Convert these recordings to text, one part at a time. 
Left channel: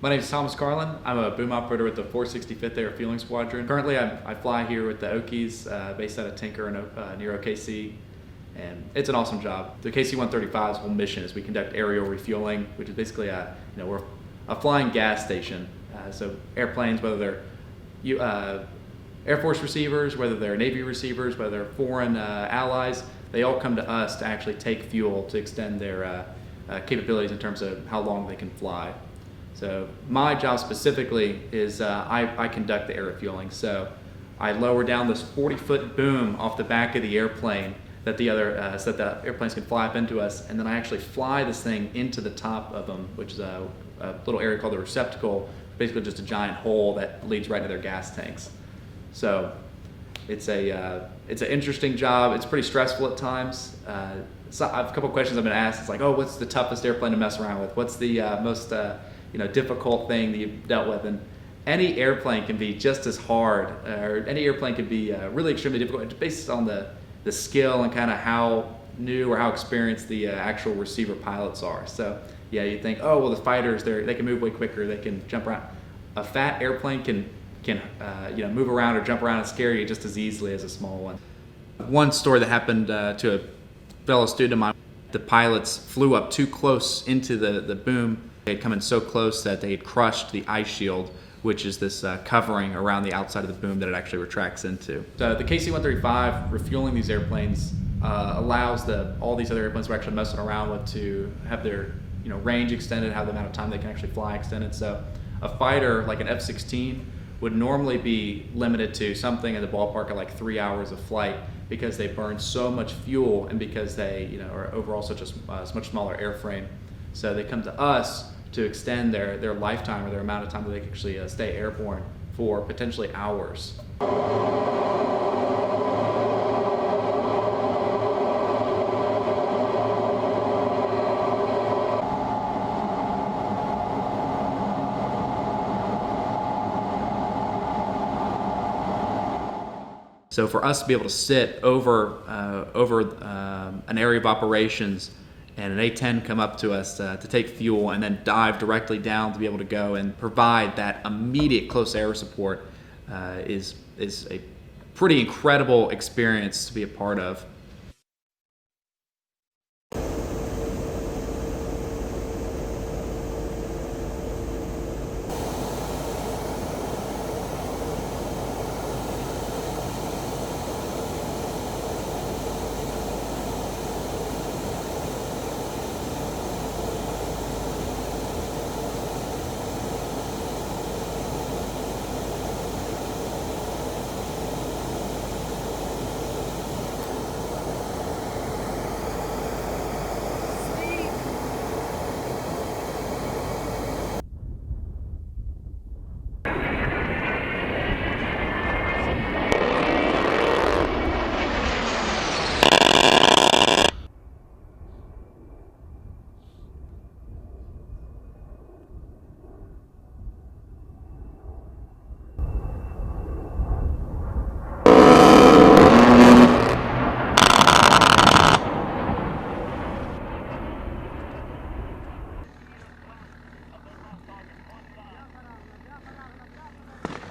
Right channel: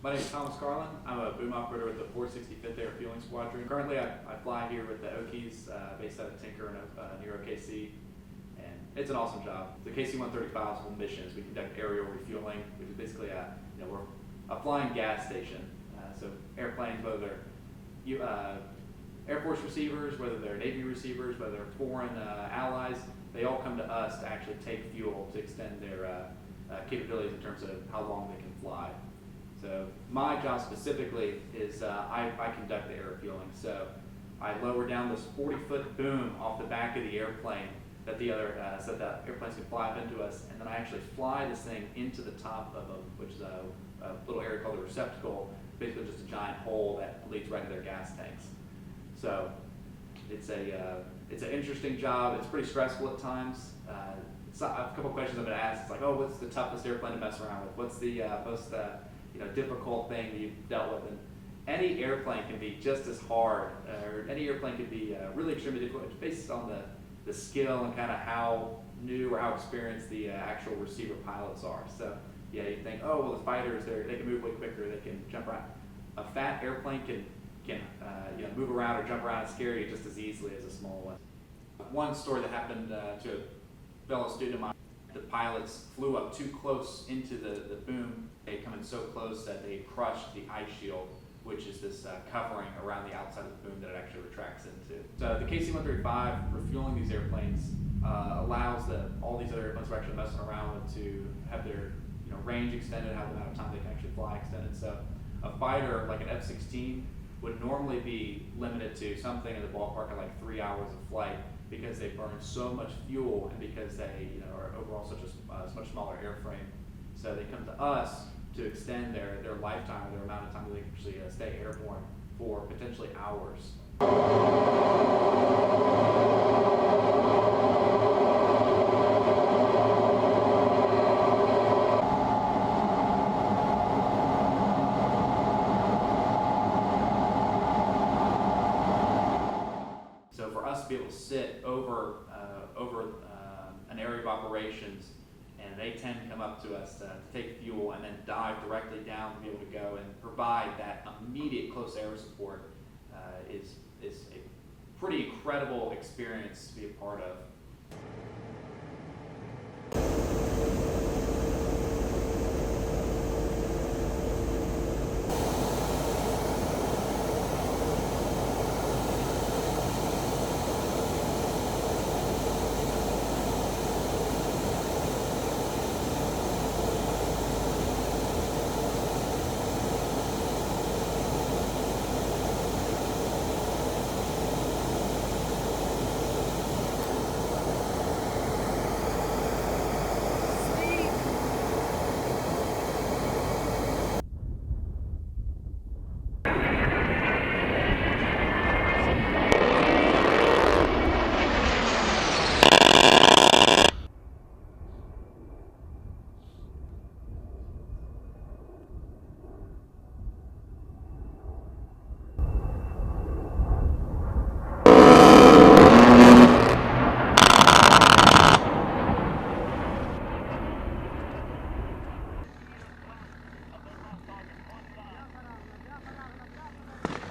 My name is Thomas Carlin. I'm a boom operator with the 465th Air Fueling Squadron. Currently, I fly here with the Okies, based out of Tinker near OKC, and it's an awesome job. The KC-135's whole mission is we conduct aerial refueling, which is basically we're a flying gas station. So airplanes, whether they're Air Force receivers, whether they're Navy receivers, whether they're foreign allies, they all come to us to actually take fuel to extend their capabilities in terms of how long they can fly. So my job specifically is I conduct the air refueling. So I lower down this 40-foot boom off the back of the airplane that so that the airplanes can fly up into us, and then I actually fly this thing into the top of them, which is a little area called the receptacle, basically just a giant hole that leads right into their gas tanks. So it's an interesting job. It's pretty stressful at times. So I have a couple questions I've been asked. It's like, oh, what's the toughest airplane to mess around with? What's the most difficult thing that you've dealt with? And any airplane can be just as hard, or any airplane can be really extremely difficult. It's based on the skill and kind of how new or how experienced the actual receiver pilots are. So yeah, you think, oh well, the fighters, they can move way quicker, they can jump around. A fat airplane can move around or jump around and scare you just as easily as a small one. One story that happened to a fellow student of mine, the pilots flew up too close into the boom. They had come in so close that they had crushed the ice shield, which is this covering around the outside of the boom that it actually retracts into. So the KC-135 refueling these airplanes allows all these other airplanes we're actually messing around with to have their range extended, have the amount of time they can actually fly extended. So a fighter like an F-16 would normally be limited to something in the ballpark of like 3 hours of flight because they burn so much fuel and because they are overall such a much smaller airframe. So they come to us to extend their lifetime or their amount of time that they can actually stay airborne for potentially hours. So for us to be able to sit over an area of operations and an A-10 come up to us to take fuel and then dive directly down to be able to go and provide that immediate close air support is a pretty incredible experience to be a part of.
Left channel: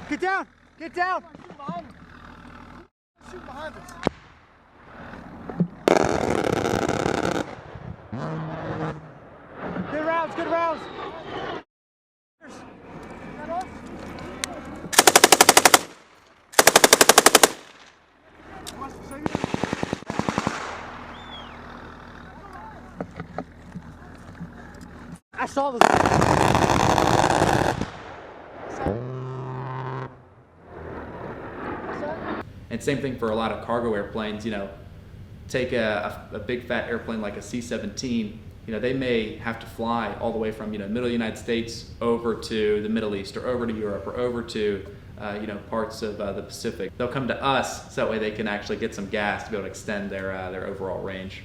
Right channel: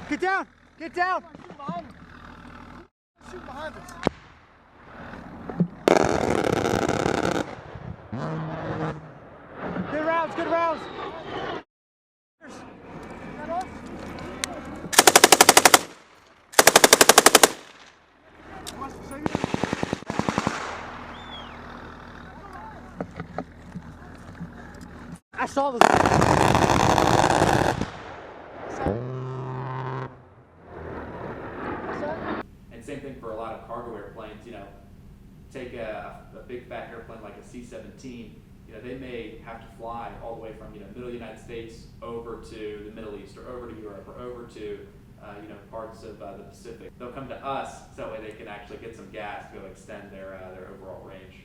Get down! Get down! Shoot behind us. Good rounds, good rounds! I saw this. And same thing for a lot of cargo airplanes. Take a big fat airplane like a C-17. They may have to fly all the way from middle of the United States over to the Middle East or over to Europe or over to parts of the Pacific. They'll come to us so that way they can actually get some gas to be able to extend their overall range.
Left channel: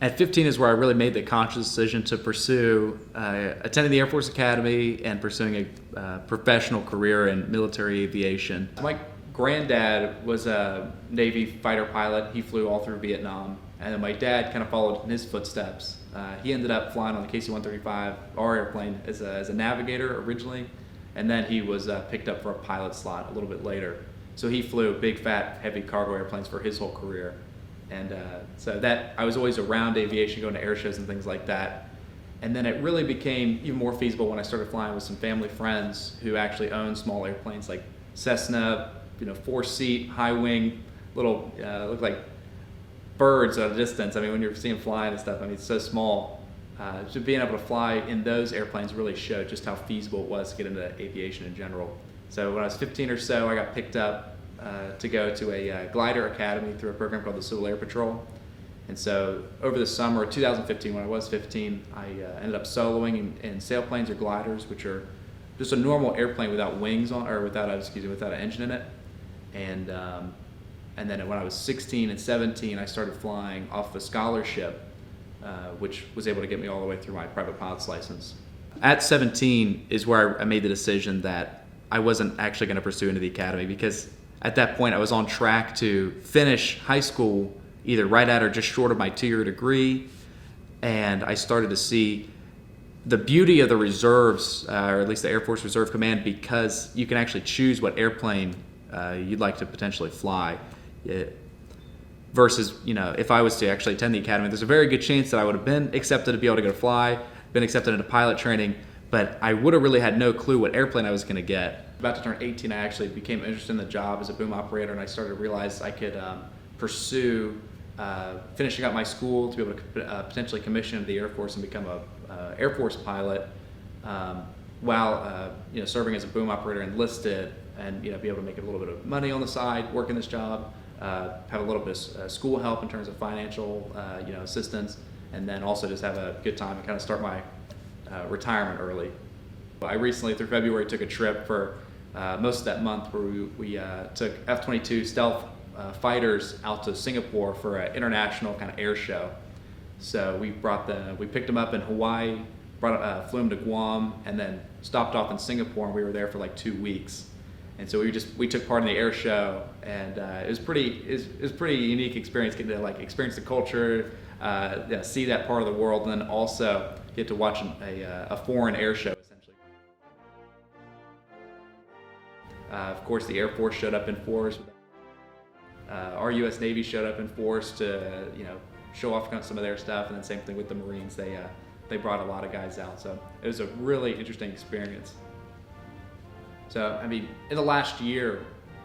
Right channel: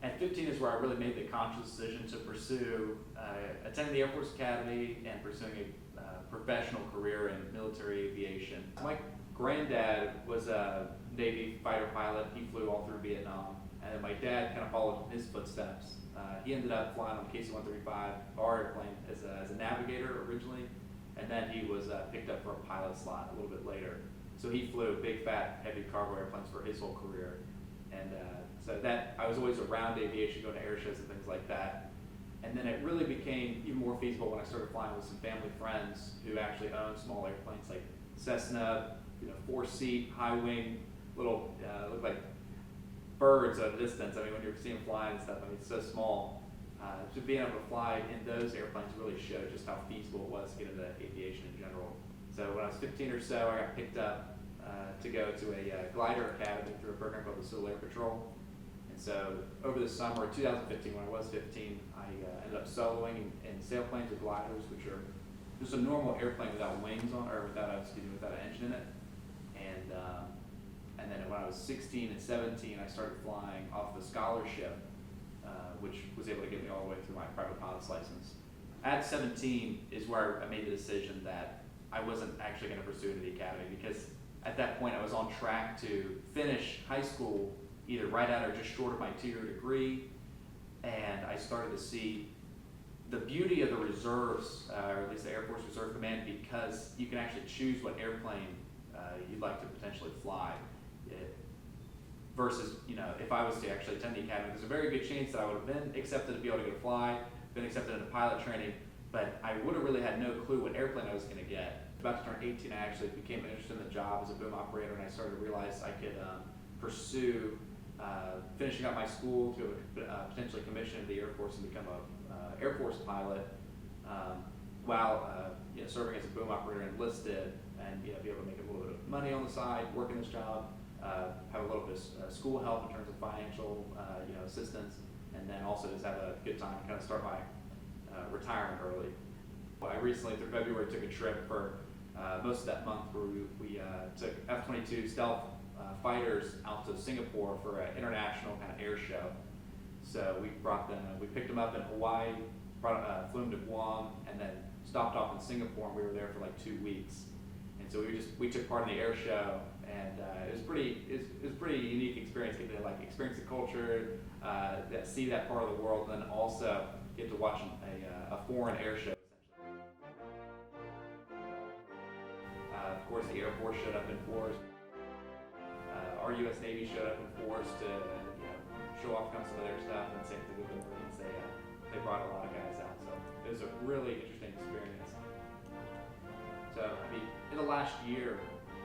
At 15 is where I really made the conscious decision to pursue attending the Air Force Academy and pursuing a professional career in military aviation. My granddad was a Navy fighter pilot. He flew all through Vietnam. And then my dad kind of followed in his footsteps. He ended up flying on the KC-135, our airplane, as a navigator originally, and then he was picked up for a pilot slot a little bit later. So he flew big, fat, heavy cargo airplanes for his whole career. And so that I was always around aviation, going to air shows and things like that. And then it really became even more feasible when I started flying with some family friends who actually own small airplanes like Cessna, 4-seat, high wing, little, look like birds at a distance. I mean, when you're seeing flying and stuff, I mean, it's so small. So being able to fly in those airplanes really showed just how feasible it was to get into aviation in general. So when I was 15 or so, I got picked up to go to a glider academy through a program called the Civil Air Patrol. And so over the summer of 2015, when I was 15, I ended up soloing in sailplanes or gliders, which are just a normal airplane without wings on, or without an engine in it. And then when I was 16 and 17, I started flying off a scholarship, which was able to get me all the way through my private pilot's license. At 17 is where I made the decision that I wasn't actually going to pursue into the academy, because at that point I was on track to finish high school either right at or just short of my 2-year degree, and I started to see the beauty of the reserves, or at least the Air Force Reserve Command, because you can actually choose what airplane you'd like to potentially fly. Versus, if I was to actually attend the academy, there's a very good chance that I would have been accepted to be able to go fly, been accepted into pilot training, but I would have really had no clue what airplane I was going to get. About to turn 18, I actually became interested in the job as a boom operator, and I started to realize I could pursue finishing up my school to be able to potentially commission into the Air Force and become a Air Force pilot while serving as a boom operator enlisted, and be able to make a little bit of money on the side, working this job, have a little bit of school help in terms of financial assistance, and then also just have a good time and kind of start my retirement early. I recently, through February, took a trip for most of that month where we took F-22 stealth fighters out to Singapore for an international kind of air show. So we picked them up in Hawaii, flew them to Guam, and then stopped off in Singapore, and we were there for like 2 weeks. And so we took part in the air show, and it was pretty unique experience, getting to experience the culture, see that part of the world, and then also get to watch a foreign air show essentially. Of course, the Air Force showed up in force. Our U.S. Navy showed up in force to show off some of their stuff, and then same thing with the Marines. They brought a lot of guys out, so it was a really interesting experience. So, I mean, in the last year,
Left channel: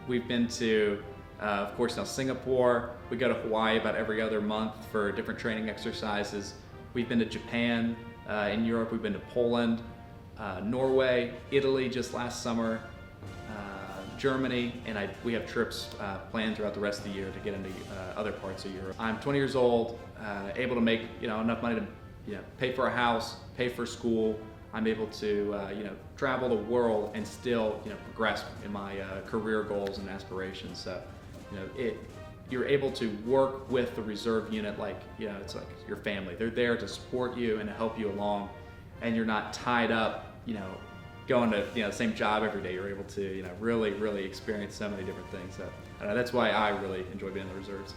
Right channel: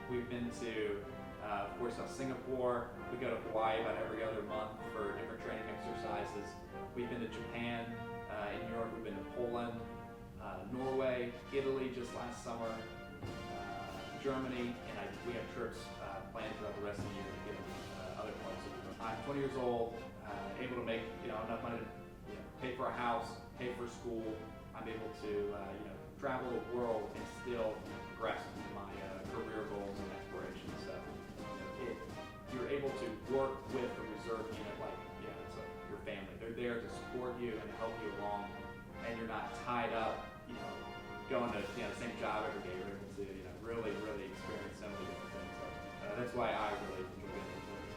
we've been to, of course, now Singapore. We go to Hawaii about every other month for different training exercises. We've been to Japan, in Europe. We've been to Poland, Norway, Italy just last summer, Germany, and we have trips planned throughout the rest of the year to get into other parts of Europe. I'm 20 years old, able to make enough money to pay for a house, pay for school. I'm able to travel the world and still progress in my career goals and aspirations. So you're able to work with the reserve unit it's like your family. They're there to support you and to help you along, and you're not tied up going to the same job every day. You're able to really experience so many different things. So that's why I really enjoy being in the reserves.